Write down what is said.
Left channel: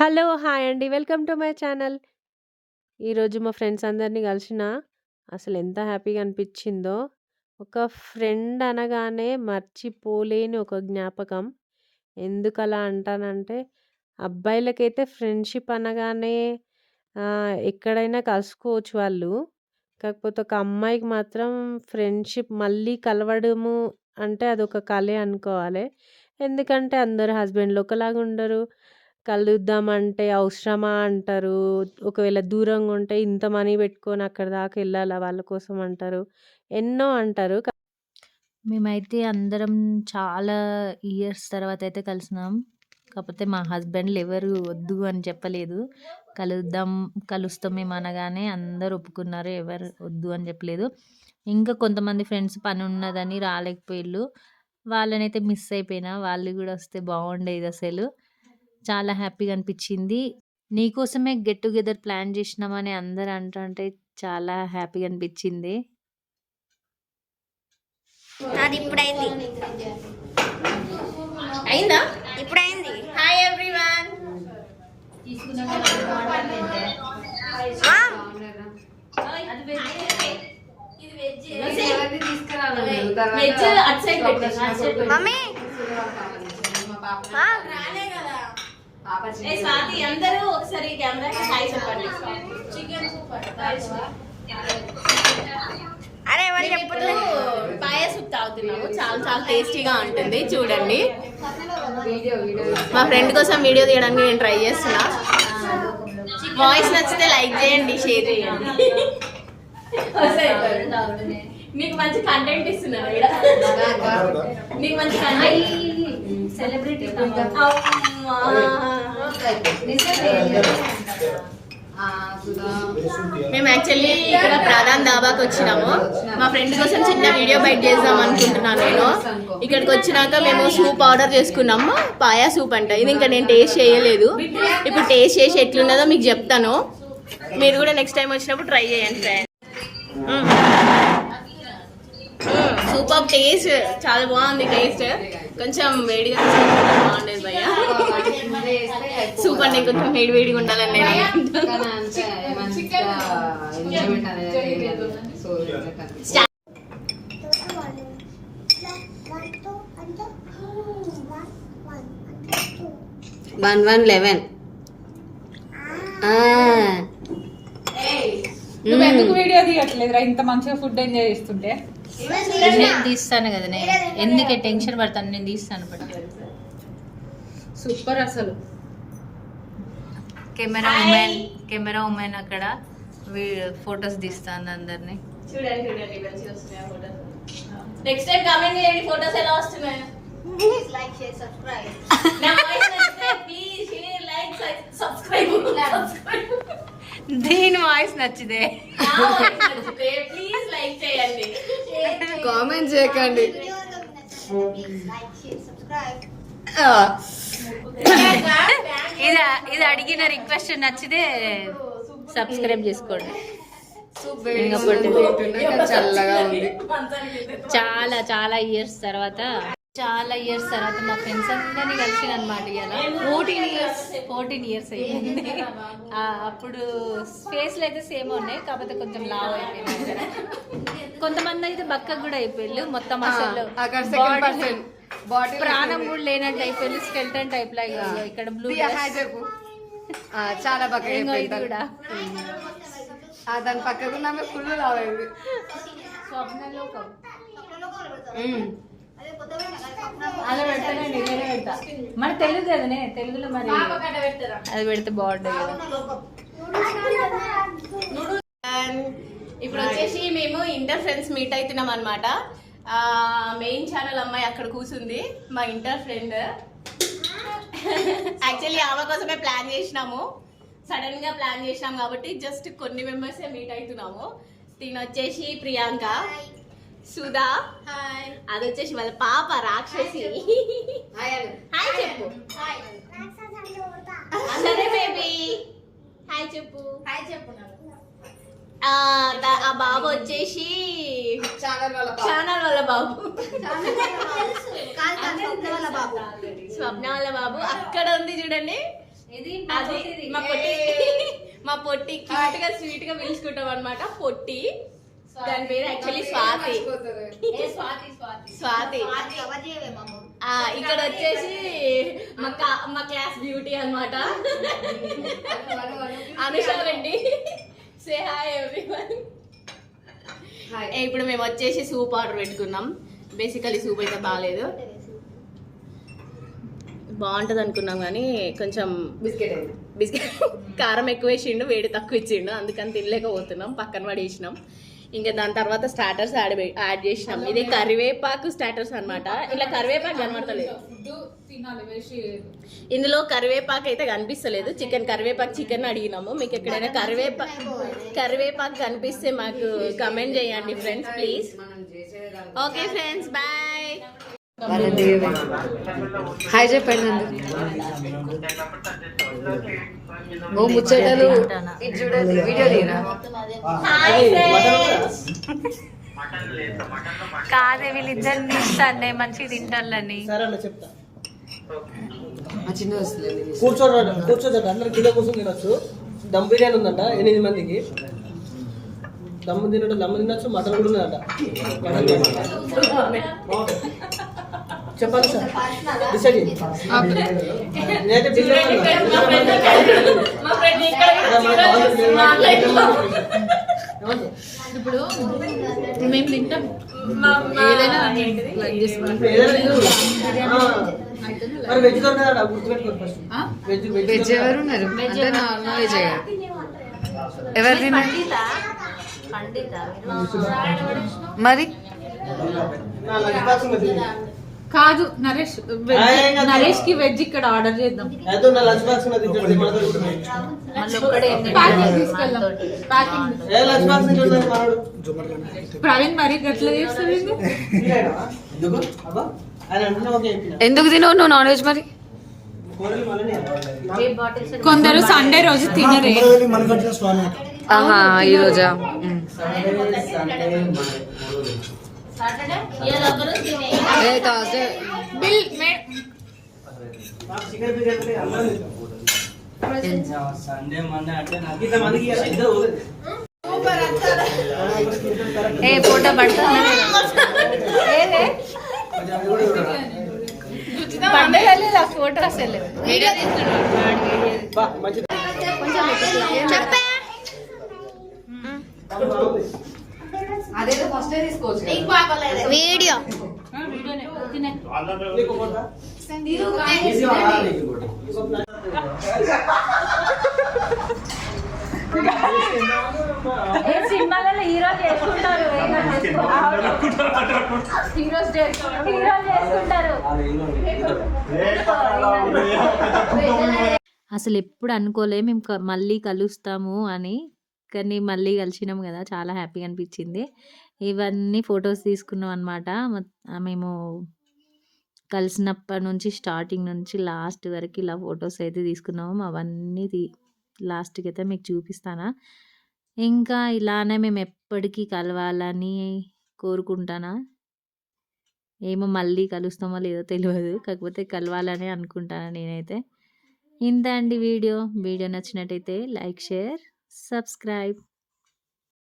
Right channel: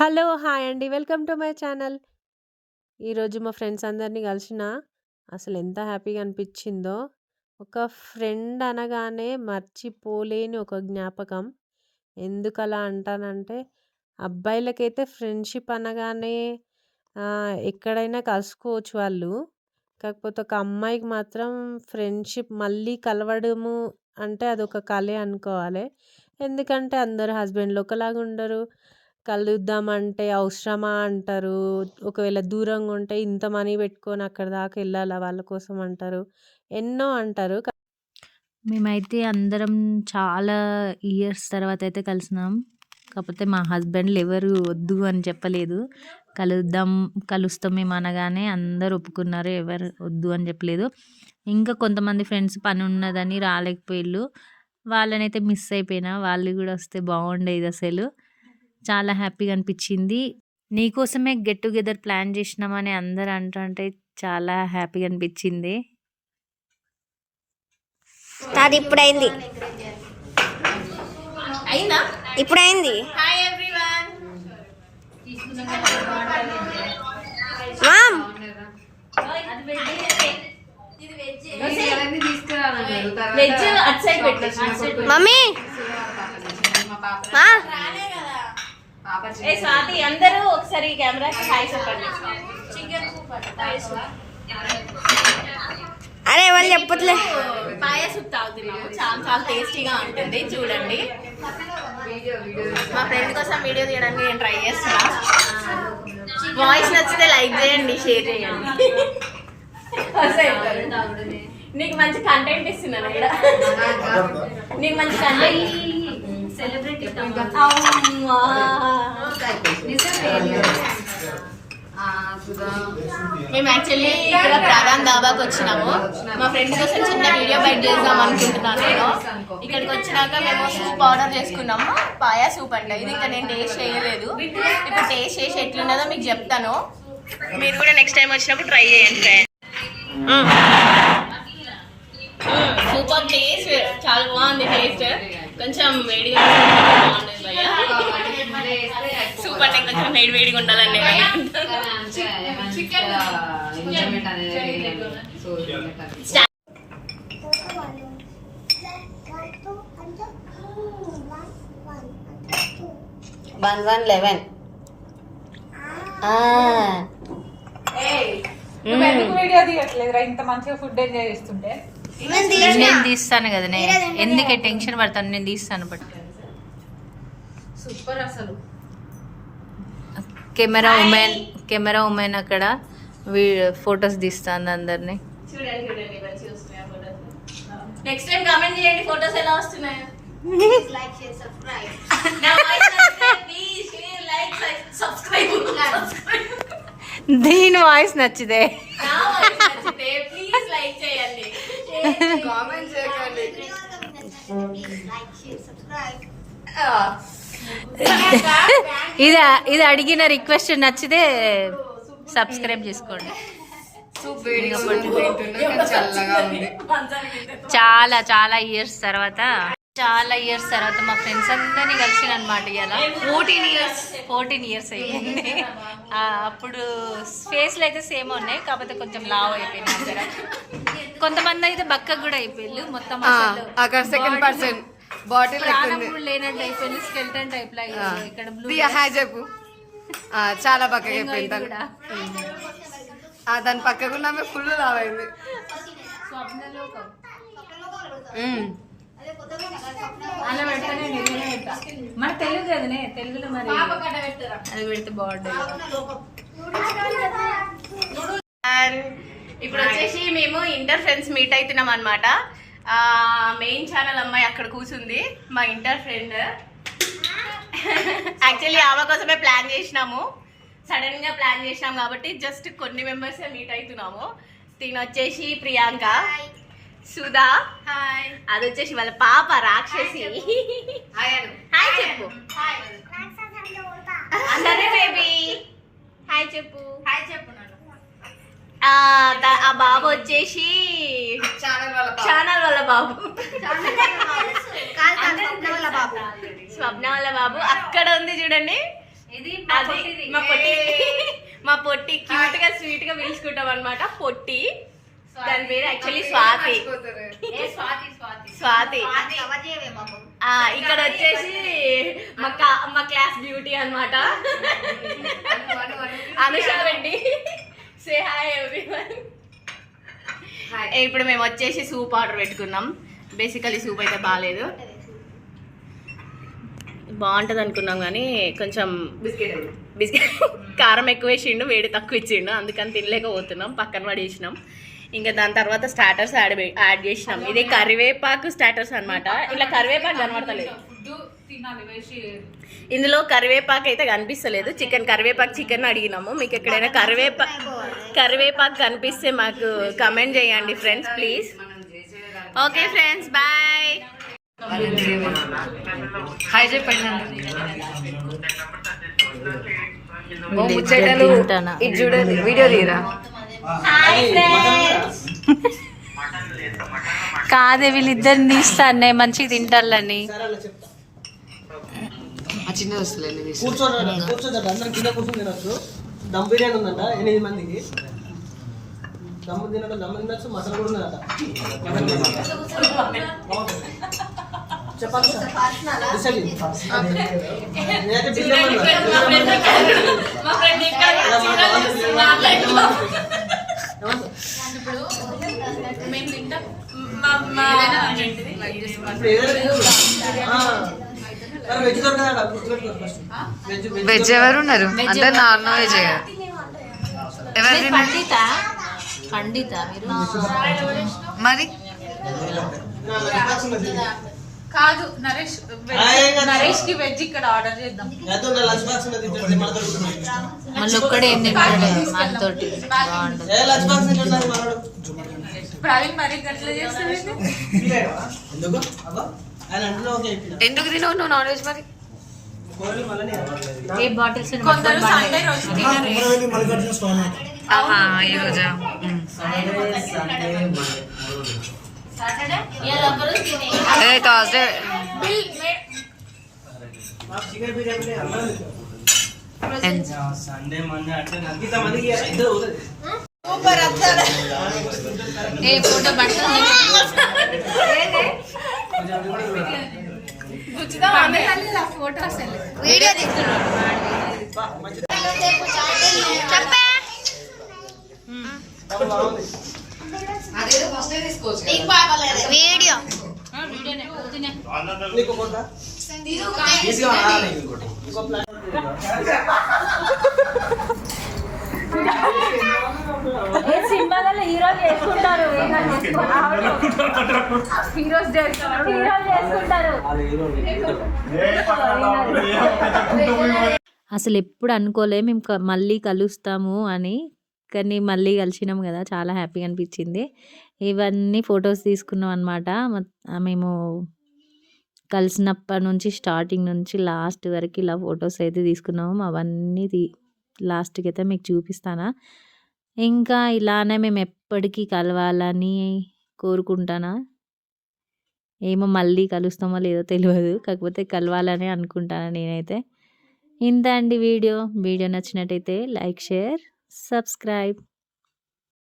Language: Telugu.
హలో! హాయ్ అండి. Welcome to my channel. ఈరోజు మా ఫ్రెండ్స్ అందరిని కలిసిన అసలెంత హ్యాపీగా అనిపిచ్చిందో. ఒక ఫ్రెండ్ అనగానే మర్చిపోలేని ఒక జ్ఞాపకం. ఎందుకలా అంటానంటే, అబ్బాయిలకైతే ఫ్రెండ్‌షిప్ అనగానే ఎక్కడైనా కలుసుకోవచ్చు వాళ్ళు. కాకపోతే ఒక అమ్మాయికి మాత్రం ఫ్రెండ్‌షిప్ మళ్ళీ కలవడము అంటే అదొక కలే అనుకోవాలి. ఎందుకంటే అందరు హస్బెండ్‌లు ఒకలాగా ఉండరు. కలుద్దామంటే అవసరమా అంటారు. ఒకవేళ దూరంగా ఉంటే ఇంత మనీ పెట్టుకొని అక్కడి దాకా ఎళ్ళాలా వాళ్ళ కోసం అంటారు. ఎన్నో అంటారు. మేమైతే అందరం చాలా ఇయర్స్ తర్వాతయితే కలిసినాం. కాపోతే మా హస్బెండ్‌లు ఎవరు వద్దు అని చెప్పలేదు. కలుస్తాం మేము అనగానే అందరూ ఒప్పుకున్నారు. ఎవరు వద్దు అని చెప్పలేదు. ఇంకా కొంతమంది ఫ్రెండ్స్ పనున్నదని రాలేకపోయిళ్ళు. వాళ్ళనైతే మిస్ అయిపోయినా. వాళ్ళు గూడా వస్తే బాగుండేదసలు. చాలా హ్యాపీగా అనిపిచ్చింది. నీకోసమే గెట్ టుగెదర్ ప్లాన్ చేసినామని అందరూ అంటుంటే చాలా హ్యాపీగా అనిపిచ్చింది. అది ఇప్పుడైంది. అయిందా? ఇప్పుడైంది. Hi everyone. Mom veg at side పెట్టు. మమ్మీ ఏ స్వాతి అందరూ ఒకసారి కెమెరాకి హాయ్ చెప్పండి. చికెన్ అరే ఎవరు చెప్పట్లే. పాయ సూప్ తాగుతున్నాము. చాలా చాలా టేస్టీగా ఉంటుంది. చూడండి, మా ఫ్రెండ్ కోసం వీడియో తీయడానికి నేను ట్రై చేస్తున్నా. వాయిస్ నచ్చితే లైక్ చేయండి, షేర్ చేయండి. నీకు మంచి కంటెంట్ ఇస్తున్నాను ఇక్కడ. నీకు మంచి కంటెంట్ సెలబ్రిటీ. మేము యాక్చువల్లీ ఇక్కడ ప్రధాన్ దాబాకి వచ్చినాము. మా ఫ్రెండ్ కోసం చిన్న వీడియో బైట్ చేద్దాం అనుకుంటున్నాను నేను. ఇక్కడికి వచ్చినాక మేము సూప్ ఆర్డర్ చేసుకున్నాము. పాయా సూప్ అంట ఇది. ఇంకా నేను టేస్ట్ చేయలేదు. ఇప్పుడు టేస్ట్ చేసి ఎట్లున్నదో మీకు చెప్తాను. మీరు కూడా నెక్స్ట్ టైం వచ్చినప్పుడు ట్రై చేయండి. సూపర్ టేస్ట్, చాలా బాగుంది టేస్ట్. కొంచెం వేడిగా బాగుండేది భయ్య. సూప్ అంటే కొంచెం వేడిగా ఉండాలని నేను. వన్ 11. ఎందుకు వీడియో తీయట్లేదురా? ఇంత మంచిగా ఫుడ్ ఎంజాయ్ చేస్తుంటే. నేను తీస్తాను కదా, ఎందుకే టెన్షన్ పడతాను, నేను తీస్తాను. బట్ సూపర్ అసలు. కెమెరా ఉమెన్ అక్కడ ఫొటోస్ తీస్తాను అందరినీ. చూడండి చూడండి మంచిగా వస్తున్నాయి ఫోటోస్. నెక్స్ట్ టైం కామెంట్ చేయండి ఫోటోస్ ఎలా వస్తున్నాయో. Like share subscribe. నా వాయిస్ నచ్చితే ప్లీజ్ షేర్ లైక్ సబ్స్క్రైబ్. దీని వాయిస్ నచ్చితే నా వాయిస్ నచ్చితే ప్లీజ్ లైక్ చేయండి, కామెంట్ చేయకండి. ఇది అడిగిన రిక్వెస్ట్ నచ్చితే సబ్స్క్రైబ్ చేసుకోండి. చల్లగా ఉంది. చాలా చాలా ఇయర్స్ తర్వాత మా ఫ్రెండ్స్ అందరినీ కలిసిన అనమాట. ఇలా 14 ఇయర్స్ అయ్యింది. అప్పుడు ఫేస్లు అయితే సేమ్ ఉన్నాయి, కాకపోతే కొంచెం లావ్ అయిపోయినాయి. కొంతమంది అయితే బక్కగా కూడా అయిపోయింది. మొత్తం ప్రాణం కూడా లేనట్టు అయిపోయింది. స్కెల్టన్ టైప్ లా. ఇక్కడ బ్లూ చెప్పు. చాలా బక్కగా అయిపోయింది కూడా. దాని పక్కకు ఫుల్ లావైంది. అలా పెడతానే పెడతా. మరి తెలుగు కదనే, తెలుగులో మరి అది పెడితే బాగుంటుంది. ఇప్పుడు వచ్చేసి మేము ఇంటర్ ఫ్రెండ్స్ మీట్ అవుతున్నాం అనమాట. మెయిన్ ఛానల్ అమ్మాయి అక్కడ కూర్చుంది, మా ఇంటర్ ఫ్రెండ్. యాక్చువల్లీ ఆమె కోసమే ప్లాన్ చేసినాము. సడన్ గా ప్లాన్ చేసినాం కాబట్టి జస్ట్ కొన్ని మెంబర్స్ మీట్ అవుతున్నాము. తిని వచ్చేసి ప్రియాంక, సుధా, హాయ్. అది వచ్చేసి వాళ్ళ పాప రాక్షసి. హాయ్ చెప్పు. అందరే బేబీ హాయ్ చెప్పు. ఆ బాబు వచ్చేసి ఛానల్ వాళ్ళ బాబు, స్వప్న వాళ్ళ బాబు. అక్కడ ఉంది చూడండి, మా పొట్టి క్యూట్ గా స్వీట్ గా పిలుచుకుంటాం అనమాట. పొట్టి, దాని పేరు యాక్చువల్లీ స్వాతి. స్వాతి. ఇక్కడ వచ్చేసి మా క్లాస్ బ్యూటీ అన్నమాట, Anusha Reddy. Say hi everyone. ఇప్పుడు మేము వచ్చేసి సూప్ ఆర్డర్ పెట్టుకున్నాం. బేసికలీ సూప్ అయితే బాగాలేదు, బాగుంటుంది అనుకున్నాం కానీ కొంచెం బిస్కెట్ కారం ఎక్కువ వేసిండు, వేడి తక్కువ ఇచ్చిండు, అందుకని తినలేకపోతున్నాం, పక్కన పడేసినాం. ఇంకా దాని తర్వాత స్టార్టర్స్ యాడ్ చేసినాం. ఇది కరివేపాకు స్టార్టర్స్ అన్నమాట. ఇలా కరివేపాకు కనబడతలేదు, ఇందులో కరివేపాకు అయితే కనిపిస్తలేదు. కరివేపాకు చికెన్ అడిగినాము. మీకు ఎక్కడైనా కరివేపాకు కనిపిస్తే మాకు కమెంట్ చేయండి friends please. Okay friends, bye. Hi చెప్పండి. ఓ ముచ్చటలు ఇది చూడండి, వీడియో తీరా. కాదే వీళ్ళిద్దరిని తీస్తానే మంచిగా తింటాలని. చిన్న వస్తుంది కూర్చోదండి, అందరు కింద కూర్చొని తినొచ్చు. దమ్ బిర్యానీ ఉందంట 8 మందికి. దమ్ తినొచ్చు, మటన్ కూడా ఉందంట. చెప్పాలి సార్, డిసైడ్ నేనైతే బిర్యానీ వెజ్ దొరకదా గుర్తుపెట్టుకోరు ఫస్ట్. వెజ్ ఎవరు ఉన్నారు? అంటే నాన్ వెజ్ ఎవరు తిన్నారు మరి? కాదు నరేష్, నరేష్ కి వెజ్ ఇక్కడ ఆర్డర్ చేద్దాం. లంచ్ బాక్స్ లంచ్ బాక్స్ మనోడు ప్రవీణ్ మరి గట్ల చేస్తుంది. ఎందుకు అబ్బా ఆయన అంటున్నా ఓకే అయిపోయినా. ఎందుకు తినవు నువ్వు నాన్ వెజ్ మరి? కొందరు సండే రోజు తినరే. ఆహా, ఈ రోజా? థర్స్డే సండే మండే అట్లా ఇంతమందికి ఫోటో అసలు వీడియో చెప్పే అదేదో ఫస్ట్ తీసుకోవచ్చు. వీడియో నీకు పోతా సినిమాలలో హీరోలు చేసుకుంటారు, హీరోస్ చేసుకుంటారు. అసలు ఎప్పుడు అనుకోలే మేము మళ్ళీ కలుస్తాము అని, కానీ మళ్ళీ కలిసినాం కదా, చాలా హ్యాపీగా అనిపించింది. ఇవన్నీ ఫొటోస్ తీసుకున్నాం అనమాట. మేము కలిసినప్పటి నుంచి స్టార్టింగ్ నుంచి లాస్ట్ వరకు ఇలా ఫొటోస్ అయితే తీసుకున్నాము. అవన్నీ లాస్ట్కి అయితే మీకు చూపిస్తానా. ఇంకా ఇలానే మేము ఎప్పటికీ కలవాలని కోరుకుంటానా. ఏమో మళ్ళీ కలుస్తామో లేదో తెలియదు, కాకపోతే కలవాలని అనుకుంటాను నేనైతే. ఇంత అండి వీడియో నచ్చినట్టయితే లైక్, షేర్, సబ్స్క్రైబ్.